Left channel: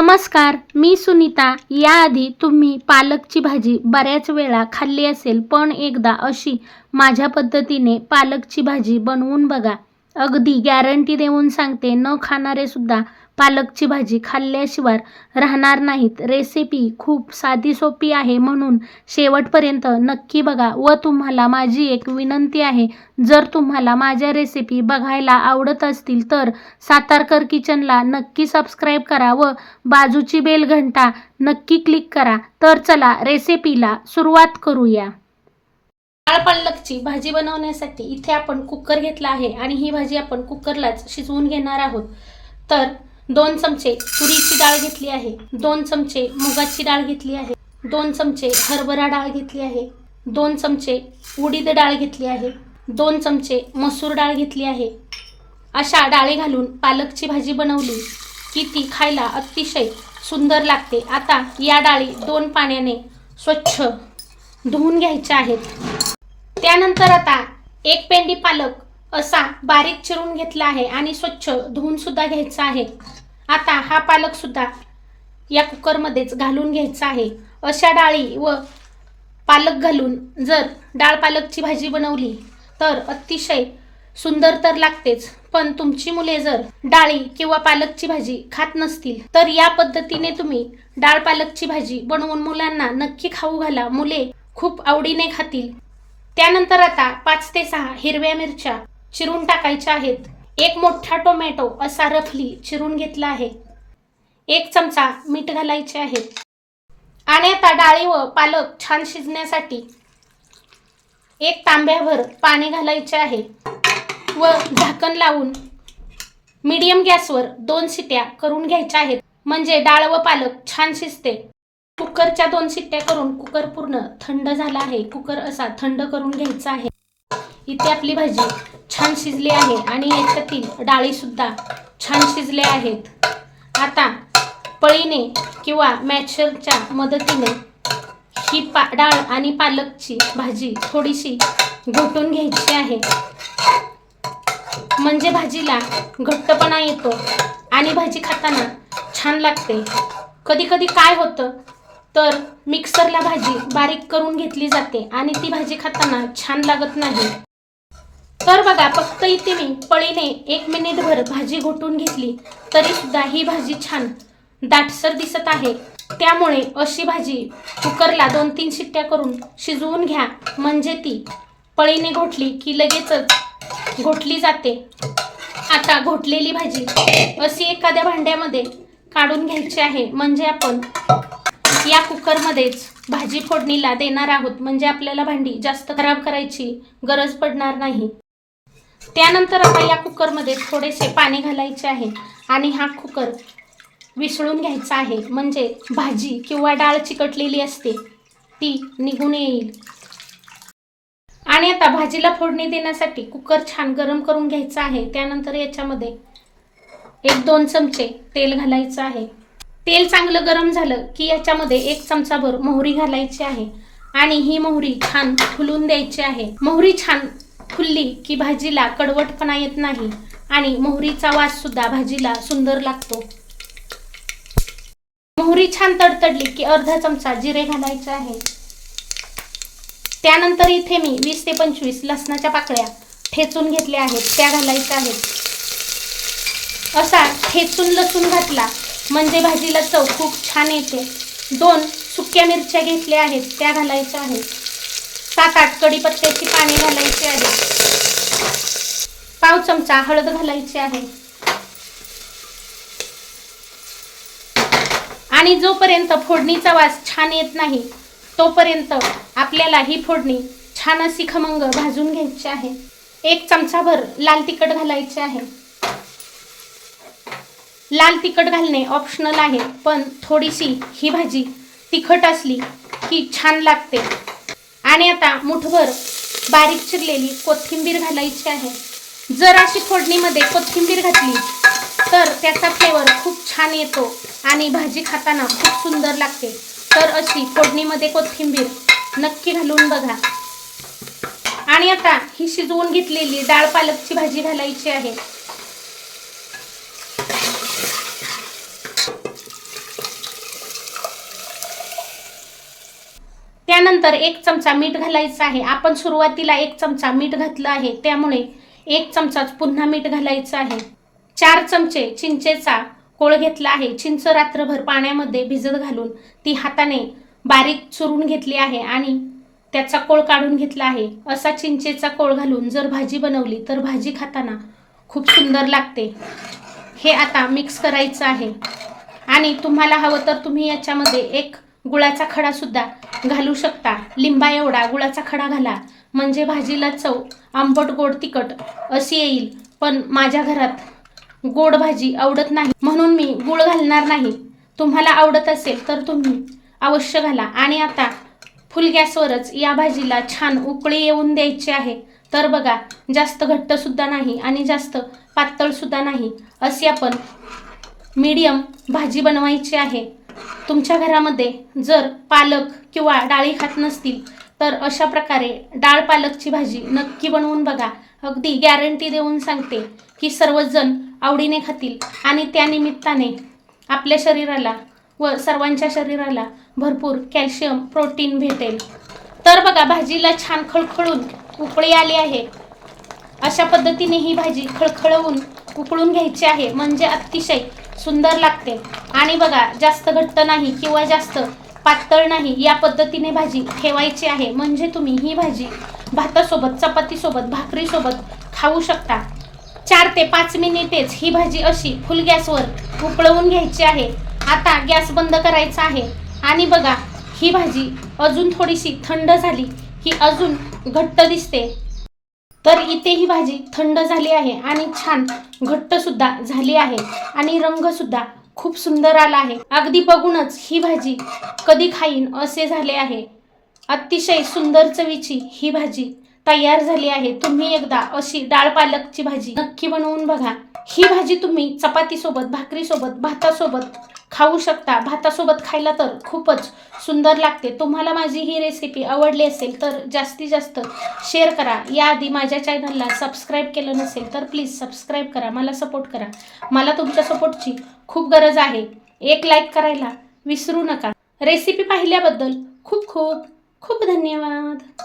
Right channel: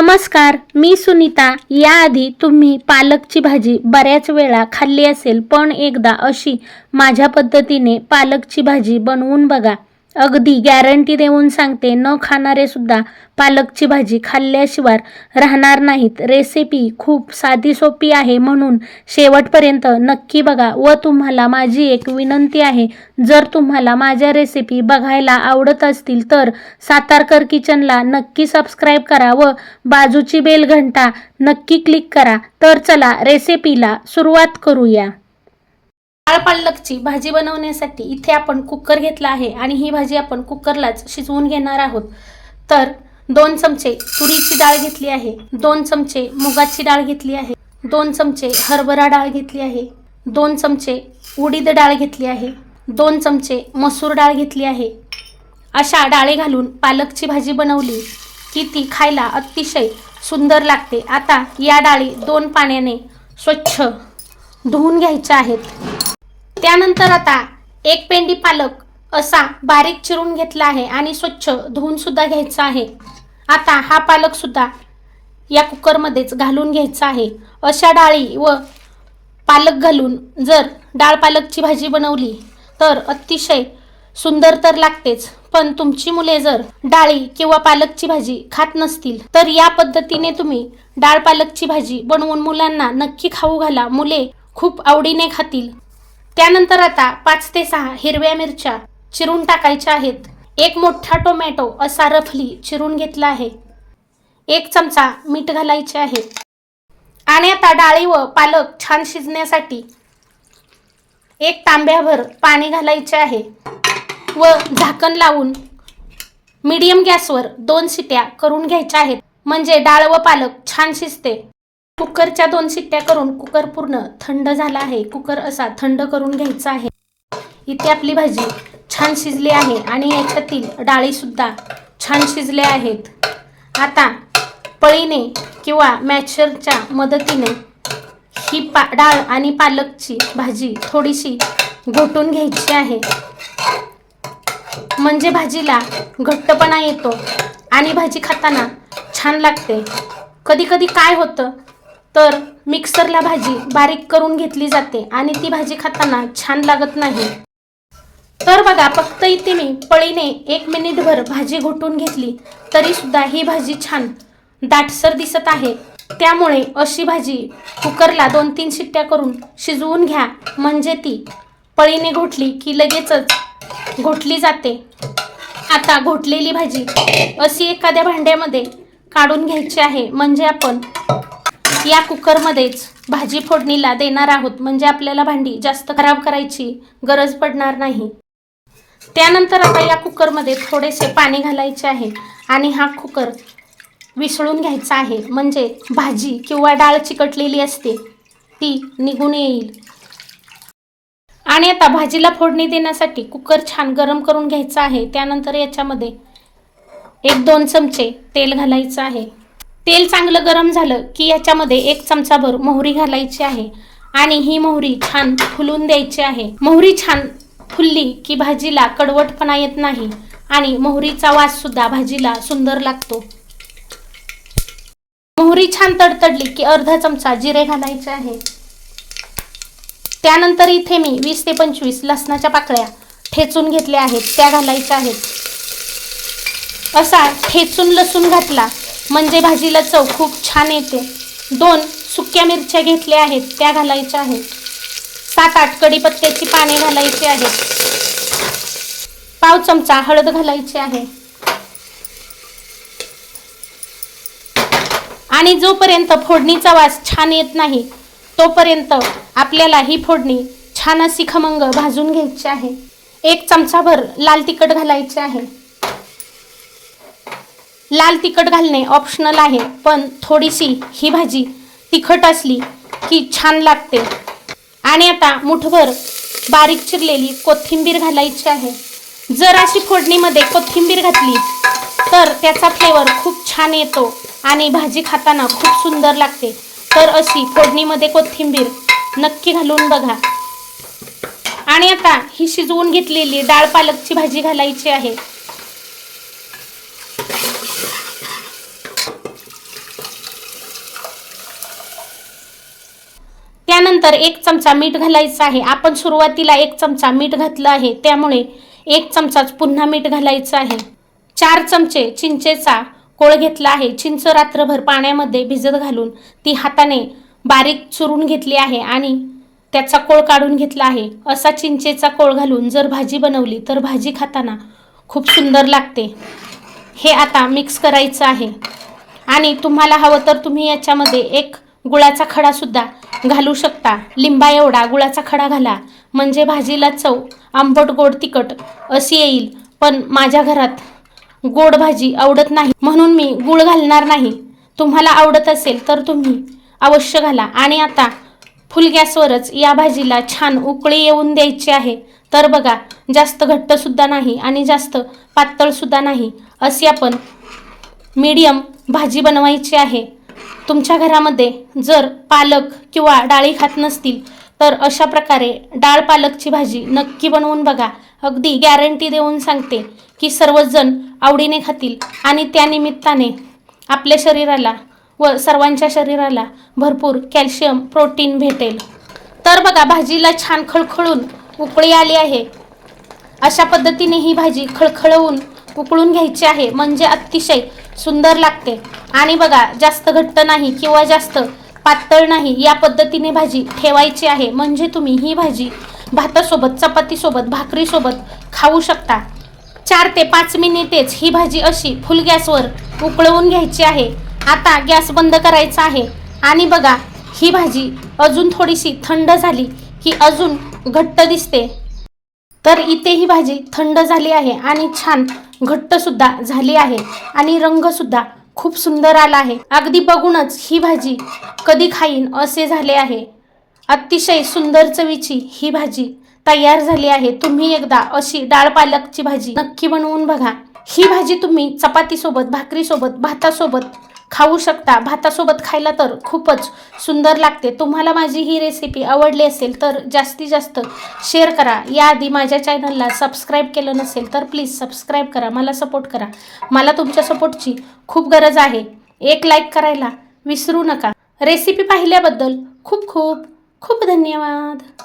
नमस्कार मी सुनीता. याआधी तुम्ही पालकची भाजी बऱ्याच वेळा खाल्ली असेल पण एकदा अशी माझ्या पद्धतीने पालकची भाजी बनवून बघा. अगदी गॅरंटी देऊन सांगते न खाणारे सुद्धा पालकची भाजी खाल्ल्याशिवाय राहणार नाहीत. रेसिपी खूप साधी सोपी आहे म्हणून शेवटपर्यंत नक्की बघा व तुम्हाला माझी एक विनंती आहे जर तुम्हाला माझ्या रेसिपी बघायला आवडत असतील तर सातारकर किचनला नक्की सबस्क्राईब करा व बाजूची बेल घंटा नक्की क्लिक करा. तर चला रेसिपीला सुरुवात करूया. डाळ पालकची भाजी बनवण्यासाठी इथे आपण कुकर घेतला आहे आणि ही भाजी आपण कुकरलाच शिजवून घेणार आहोत. तर दोन चमचे तुरीची डाळ घेतली आहे दोन चमचे मुगाची डाळ घेतली आहे दोन चमचे हरभरा डाळ घेतली आहे दोन चमचे उडीद डाळ घेतली आहे दोन चमचे मसूर डाळ घेतली आहे. अशा डाळी घालून पालकची भाजी बनवली की ती खायला अतिशय सुंदर लागते. आता या डाळी दोन पाण्याने स्वच्छ धुवून घ्यायच्या आहेत. त्यानंतर आता एक पेंडी पालक असा बारीक चिरून घेतला आहे आणि स्वच्छ धुवून सुद्धा घ्यायचा आहे. आता हा पालक सुद्धा या कुकरमध्येच घालून घ्यायचा आहे. अशा डाळी व पालक घालून जर डाळ पालकची भाजी बनवली तर अतिशय सुंदर तर लागतेच पण तुमची मुले जर डाळी किंवा पालकची भाजी खात नसतील तर या पद्धतीने तुम्ही डाळ पालकची भाजी बनवून मुलांना नक्की खाऊ घाला. मुले खूप आवडीने खातील. त्यानंतर आता पाच ते सहा हिरव्या मिरच्या चिरून टाकायच्या आहेत. एक मोठा टोमॅटो असा रफली चिरून घेतला आहे. एक चमचा मीठ घालायचे आहे. आणि आता डाळी व पालक छान शिजण्यासाठी एक तांब्याभर पाणी घालायचे आहे व झाकण लावून मीडियम गॅसवर दोन शिट्या करून घ्यायच्या आहेत. म्हणजे डाळ व पालक छान शिजते. कुकरच्या दोन शिट्ट्या करून कुकर पूर्ण थंड झाला आहे. कुकर असा थंड करून घ्यायचा आहे. इथे आपली भाजी छान शिजली आहे आणि याच्यातील डाळीसुद्धा छान शिजल्या आहेत. आता पळीने किंवा मॅचरच्या मदतीने ही पा डाळ आणि पालकची भाजी थोडीशी घोटून घ्यायची आहे. म्हणजे भाजीला घट्टपणा येतो आणि भाजी खाताना छान लागते. कधी कधी काय होतं? तर मिक्सरला भाजी बारीक करून घेतली जाते आणि ती भाजी खाताना छान लागत नाही. तर बघा फक्त इथे मी पळीने एक मिनिटभर भाजी घोटून घेतली तरी सुद्धा ही भाजी छान दाटसर दिसत आहे. त्यामुळे अशी भाजी कुकरला दोन तीन शिट्ट्या करून शिजवून घ्या म्हणजे ती पळीने घोटली की लगेचच घोटली जाते. आता घोटलेली भाजी अशी एखाद्या भांड्यामध्ये काढून घ्यायची आहे म्हणजे आपण या कुकरमध्येच भाजी फोडणीला देणार आहोत. म्हणजे आपल्याला भांडी जास्त खराब करायची गरज पडणार नाही. त्यानंतर आता या कुकरमध्ये थोडेसे पाणी घालायचे आहे आणि हा कुकर विसळून घ्यायचा आहे. म्हणजे भाजी किंवा डाळ चिकटलेली असते ती निघून येईल. आणि आता भाजीला फोडणी देण्यासाठी कुकर छान गरम करून घ्यायचा आहे. त्यानंतर याच्यामध्ये एक दोन चमचे तेल घालायचं आहे. तेल चांगलं गरम झालं की याच्यामध्ये एक चमचाभर मोहरी घालायची आहे. आणि ही मोहरी छान फुलून द्यायची आहे. मोहरी छान फुलली की भाजीला कडवटपणा येत नाही आणि मोहरीचा वास सुद्धा भाजीला सुंदर लागतो. मोहरी छान तडतडली की अर्धा चमचा जिरे घालायचे आहे. त्यानंतर इथे मी वीस ते पंचवीस लसणाच्या पाकळ्या ठेचून घेतल्या आहेत. त्या घालायच्या आहेत. असा ठेचून लसूण घातला म्हणजे भाजीला चव खूप छान येते. दोन सुक्या मिरच्या घेतल्या आहेत त्या घालायच्या आहेत. सात आठ कढीपत्त्याची पाने घालायची आहेत. पाव चमचा हळद घालायची आहे. आणि जोपर्यंत फोडणीचा वास छान येत नाही तोपर्यंत आपल्याला ही फोडणी छान अशी खमंग भाजून घ्यायची आहे. एक चमचाभर लाल तिखट घालायचे आहे. लाल तिखट घालणे ऑप्शनल आहे पण थोडीशी ही भाजी तिखट असली की छान लागते. आणि आता मुठभर बारीक चिरलेली कोथिंबीर घालायची आहे. जर अशी फोडणीमध्ये कोथिंबीर घातली तर त्याचा फ्लेवर खूप छान येतो आणि भाजी खाताना खूप सुंदर लागते. तर अशी फोडणीमध्ये कोथिंबीर नक्की घालून बघा. आणि आता ही शिजवून घेतलेली डाळ पालकची भाजी घालायची आहे. त्यानंतर एक चमचा मीठ घालायचं आहे. आपण सुरुवातीला एक चमचा मीठ घातलं आहे. त्यामुळे एक चमचाच पुन्हा मीठ घालायचं आहे. चार चमचे चिंचेचा कोळ घेतला आहे. चिंच रात्रभर पाण्यामध्ये भिजत घालून ती हाताने बारीक चुरून घेतली आहे आणि त्याचा कोळ काढून घेतला आहे. असा चिंचेचा कोळ घालून जर भाजी बनवली तर भाजी खाताना खूप सुंदर लागते. हे आता मिक्स करायचं आहे. आणि तुम्हाला हवं तर तुम्ही याच्यामध्ये एक गुळाचा खडासुद्धा घालू शकता. लिंबा एवढा गुळाचा खडा घाला. म्हणजे भाजीला चव आंबट गोड तिखट अशी येईल. पण माझ्या घरात गोड भाजी आवडत नाही. म्हणून मी गुळ घालणार नाही. तुम्हाला आवडत असेल तर तुम्ही अवश्य घाला. आणि आता फुल गॅसवरच या भाजीला छान उकळी येऊन द्यायची आहे. तर बघा जास्त घट्ट सुद्धा नाही आणि जास्त पातळ सुद्धा नाही. अशी आपण मीडियम भाजी बनवायची आहे. तुमच्या घरामध्ये जर पालक किंवा डाळी खात नसतील तर अशा प्रकारे डाळ पालकची भाजी नक्की बनवून बघा. अगदी गॅरंटी देऊन सांगते की सर्वजण आवडीने खातील आणि त्यानिमित्ताने आपल्या शरीराला व सर्वांच्या शरीराला भरपूर कॅल्शियम प्रोटीन भेटेल. तर बघा भाजीला छान खळखळून उकळी आली आहे. अशा पद्धतीने ही भाजी खळखळवून उकळून घ्यायची आहे. म्हणजे अतिशय सुंदर लागते. आणि बघा जास्त घट्ट नाही किंवा जास्त पातळ नाही या पद्धतीने भाजी ठेवायची आहे. म्हणजे तुम्ही ही भाजी भातासोबत चपातीसोबत भाकरीसोबत खाऊ शकता. चार ते पाच मिनिटेच ही भाजी अशी फुल गॅसवर उकळवून घ्यायची आहे. आता गॅस बंद करायचा आहे. आणि बघा ही भाजी अजून थोडीशी थंड झाली की अजून घट्ट दिसते. तर इथे ही भाजी थंड झाली आहे आणि छान घट्ट सुद्धा झाली आहे आणि रंग सुद्धा खूप सुंदर आला आहे. अगदी बघूनच ही भाजी कधी खाईन असे झाले आहे. अतिशय सुंदर चवीची ही भाजी तयार झाली आहे. तुम्ही एकदा अशी डाळ पालकची भाजी नक्की बनवून बघा. ही भाजी तुम्ही चपातीसोबत भाकरीसोबत भातासोबत खाऊ शकता. भातासोबत खायला तर खूपच सुंदर लागते. तुम्हाला माझी ही रेसिपी आवडली असेल तर जास्तीत जास्त शेअर करा. याआधी माझ्या चॅनलला सबस्क्राईब केलं नसेल तर प्लीज सबस्क्राईब करा. मला सपोर्ट करा. मला तुमच्या सपोर्टची खूप गरज आहे. एक लाईक करायला विसरू नका. रेसिपी पाहिल्याबद्दल खूप खूप खूप धन्यवाद.